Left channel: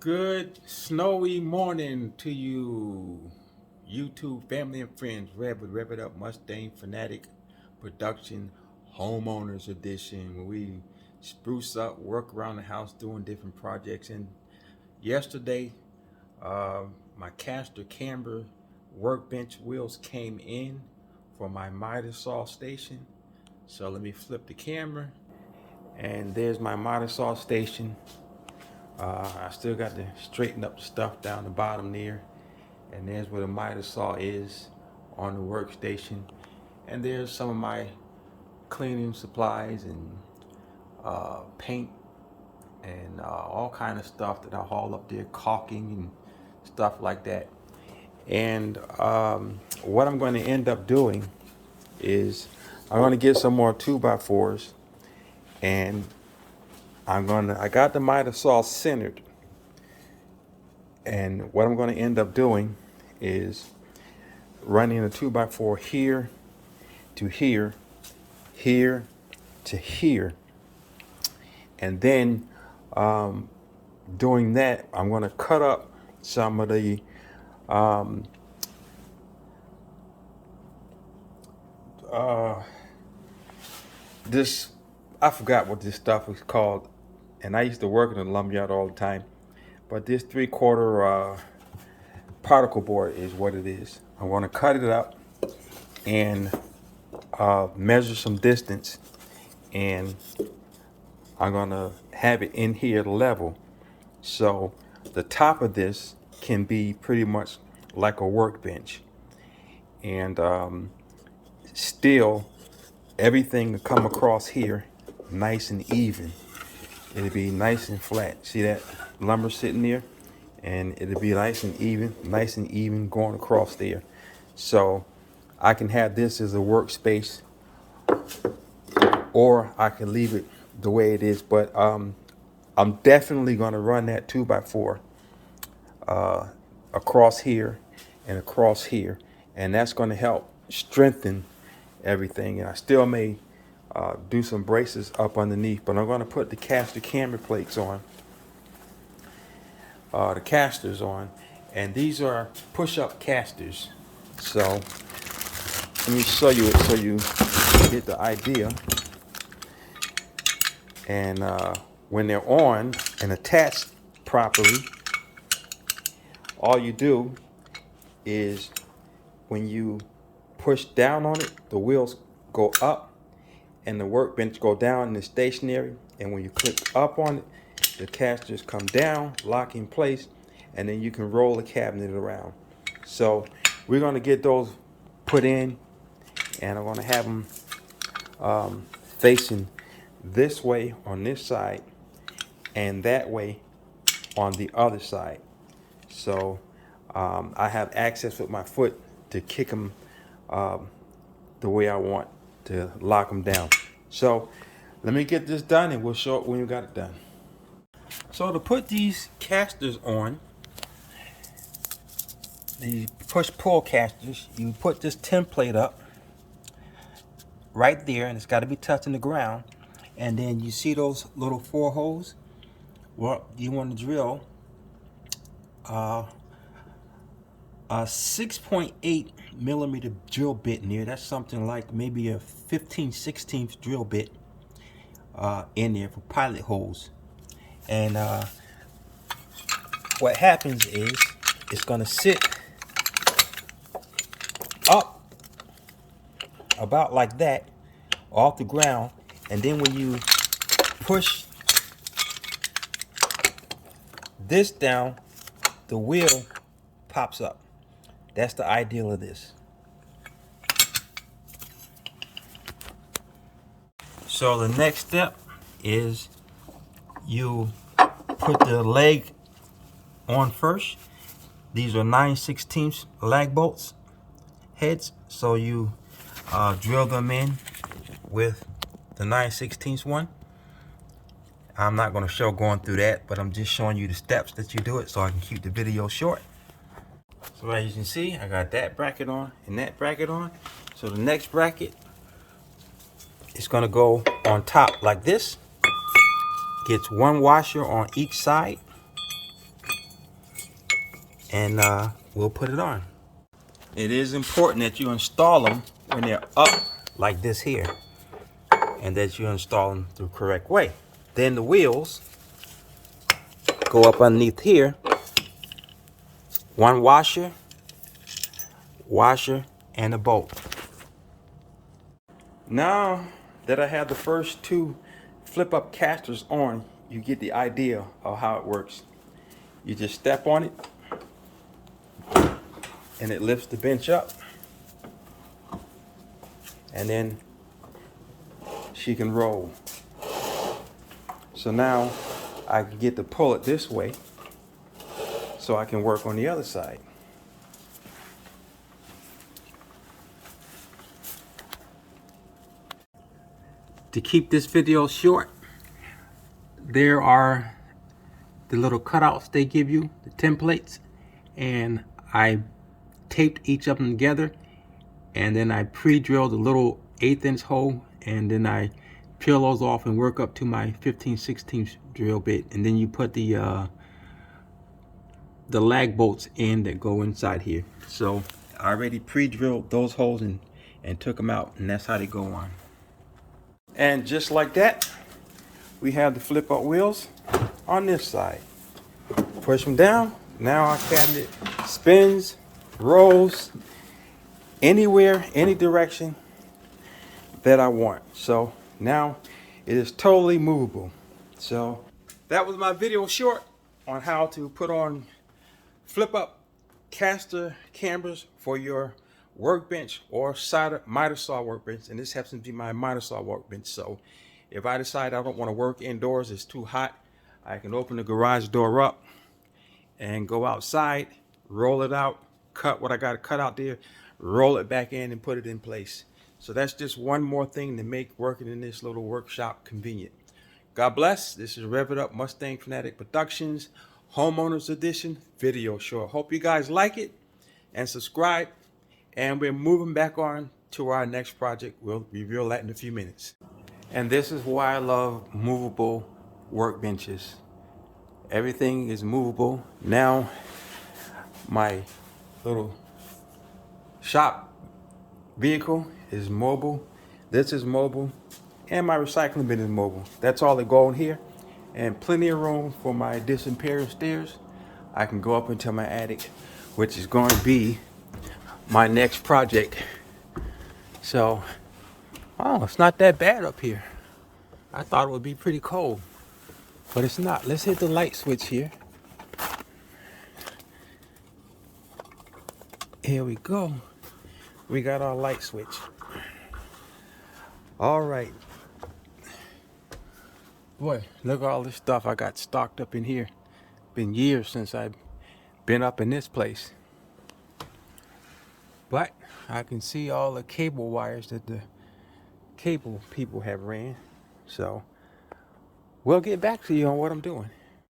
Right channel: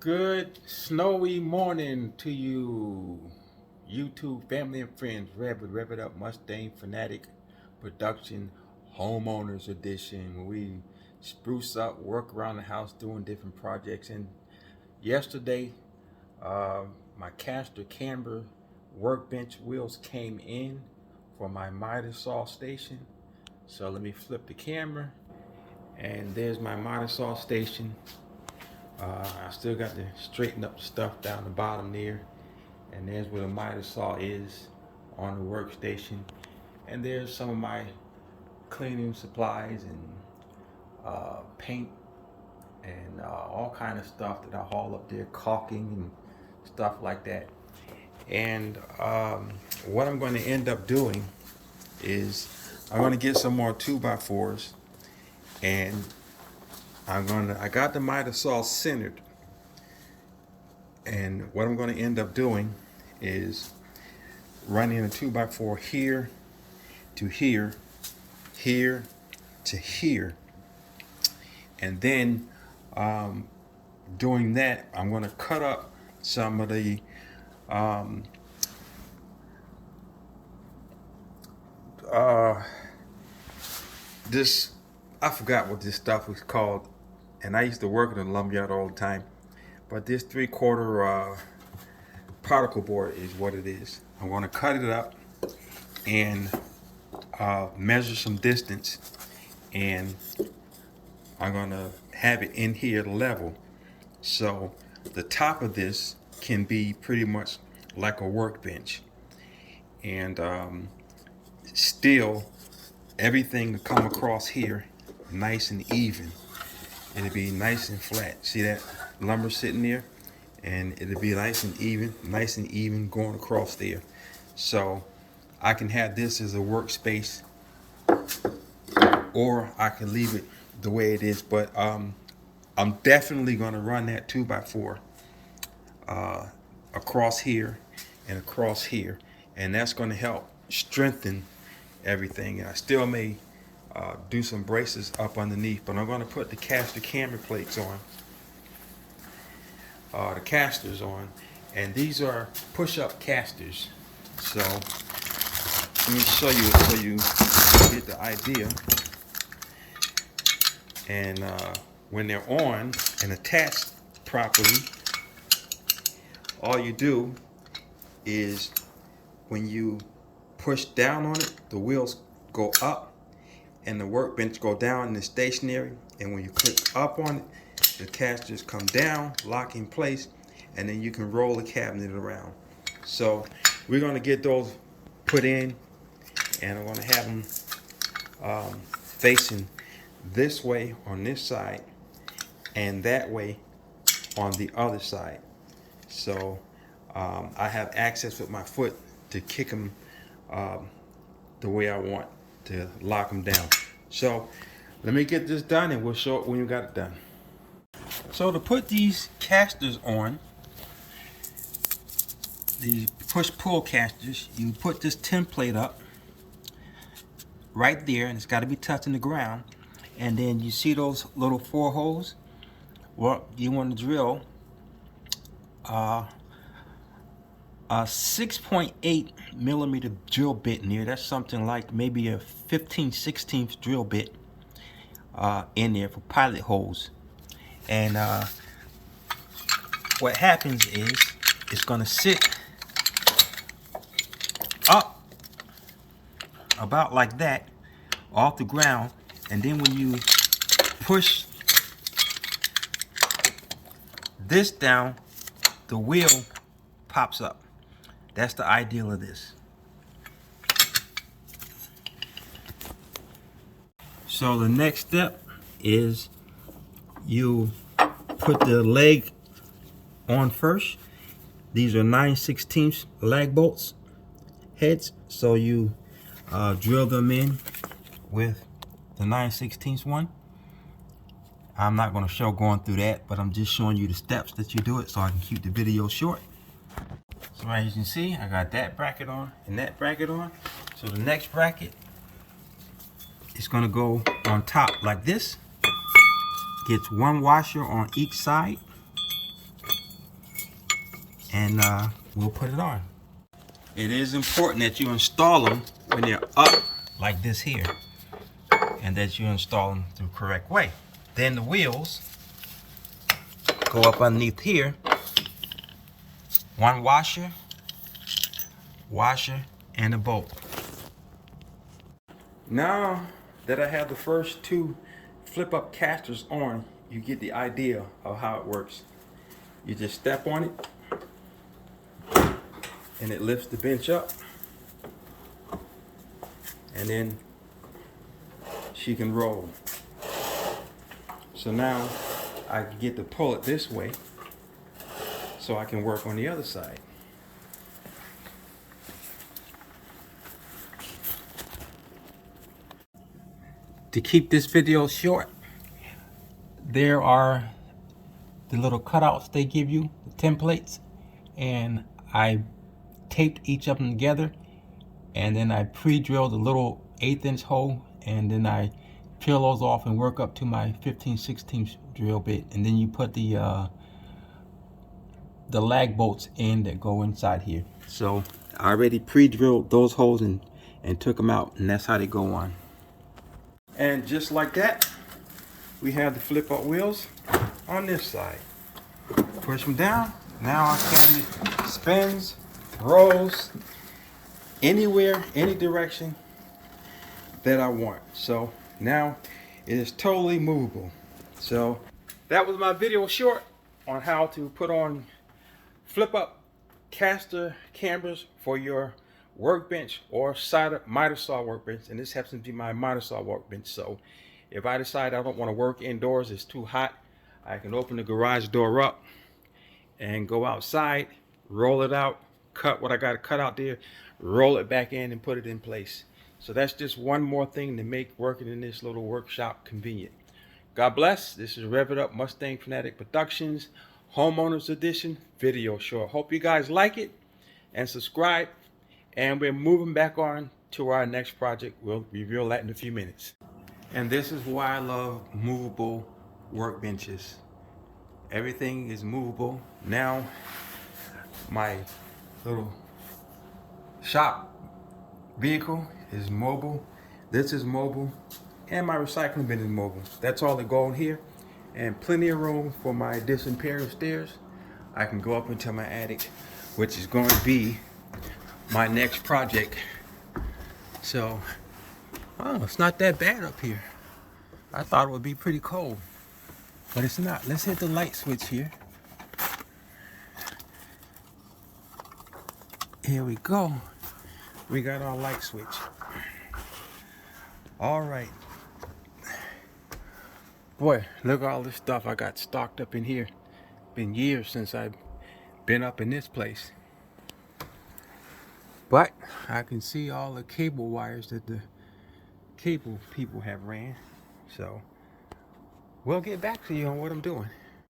Good snowy morning to you, YouTube family and friends. Rev It Up Mustang Fanatic Production Homeowners Edition, where we spruce up, work around the house, doing different projects. And yesterday, my castor camber workbench wheels came in for my Mitasaw station. So let me flip the camera, and there's my Mitasaw station. I still got to straighten up the stuff down the bottom there, and there's where the Mitasaw is on the workstation, and there's some of my cleaning supplies and paint and all kind of stuff that I haul up there, caulking and stuff like that. And what I'm going to end up doing is I'm going to get some more 2x4s, and I got the Mitasaw centered. And what I'm going to end up doing is running a 2x4 here to here, here to here. And then doing that, I'm going to cut up some of the this, I forgot what this stuff was called, and I used to work in a lumberyard all the time. But this 3/4 particle board is what it is. I'm going to cut it up and measure some distance, and I'm going to have it in here level, so the top of this can be pretty much like a workbench, and still everything will come across here nice and even. It'll be nice and flat. See that lumber sitting there? And it'll be nice and even going across there. So I can have this as a workspace, or I can leave it the way it is. But I'm definitely going to run that 2x4 across here and across here, and that's going to help strengthen everything. And I still may do some braces up underneath, but I'm going to put the castor camber plates on, the casters on, and these are push-up casters. So let me show you it so you get the idea. And when they're on and attached properly, all you do is when you push down on it, the wheels go up and the workbench go down and it's stationary. And when you click up on it, the casters come down, lock in place, and then you can roll the cabinet around. So we're going to get those put in, and I'm going to have them facing this way on this side and that way on the other side. So I have access with my foot to kick them the way I want to lock them down. So let me get this done, and we'll show it when we got it done. So to put these casters on, the push-pull casters, you put this template up right there, and it's got to be touching the ground. And then you see those little 4 holes? Well, you want to drill a 6.8 millimeter drill bit in there. That's something like maybe a 15/16 drill bit in there for pilot holes. And what happens is it's going to sit up about like that off the ground, and then when you push this down, the wheel pops up. That's the ideal of this. So the next step is you put the leg on first. These are 9/16 lag bolts heads, so you drill them in with the 9/16 one. I'm not going to show going through that, but I'm just showing you the steps that you do it so I can keep the video short. So as you can see, I got that bracket on and that bracket on. So the next bracket is going to go on top like this. Gets one washer on each side. and we'll put it on. It is important that you install them when they're up like this here, and that you install them the correct way. Then the wheels go up underneath here. One washer, and a bolt. Now that I have the first two flip up casters on, you get the idea of how it works. You just step on it and it lifts the bench up, and then she can roll. So now I can get to pull it this way so I can work on the other side. To keep this video short, there are the little cutouts they give you, the templates, and I taped each of them together, and then I pre-drilled a little 1/8 inch hole, and then I peel those off and work up to my 15/16 drill bit, and then you put the lag bolts in that go inside here. So I already pre-drilled those holes and took them out, and that's how they go on. And just like that, we have the flip up wheels on this side. Push them down. Now our cabinet spins, rolls anywhere, any direction that I want. So now it is totally movable. So that was my video short on how to put on flip up caster cambers for your workbench or Mitasaw workbench, and this happens to be my Mitasaw workbench. So if I decide I don't want to work indoors, it's too hot, I can open the garage door up and go outside, roll it out, cut what I got to cut out there, roll it back in and put it in place. So that's just one more thing to make working in this little workshop convenient. God bless. This is Rev It Up Mustang Fanatic Productions Homeowners Edition video short. Hope you guys like it and subscribe. And we're moving back on to our next project. We'll reveal that in a few minutes. And this is why I love movable workbenches. Everything is movable. Now my little shop vehicle is mobile. This is mobile. And my recycling bin is mobile. That's all that go in here. And plenty of room for my disappearing stairs. I can go up into my attic, which is going to be my next project. So, oh, it's not that bad up here. I thought it would be pretty cold, but it's not. Let's hit the light switch here. Here we go. We got our light switch. All right. Boy, look at all this stuff I got stocked up in here. Been years since I've been up in this place. But I can see all the cable wires that the cable people have ran. So we'll get back to you on what I'm doing.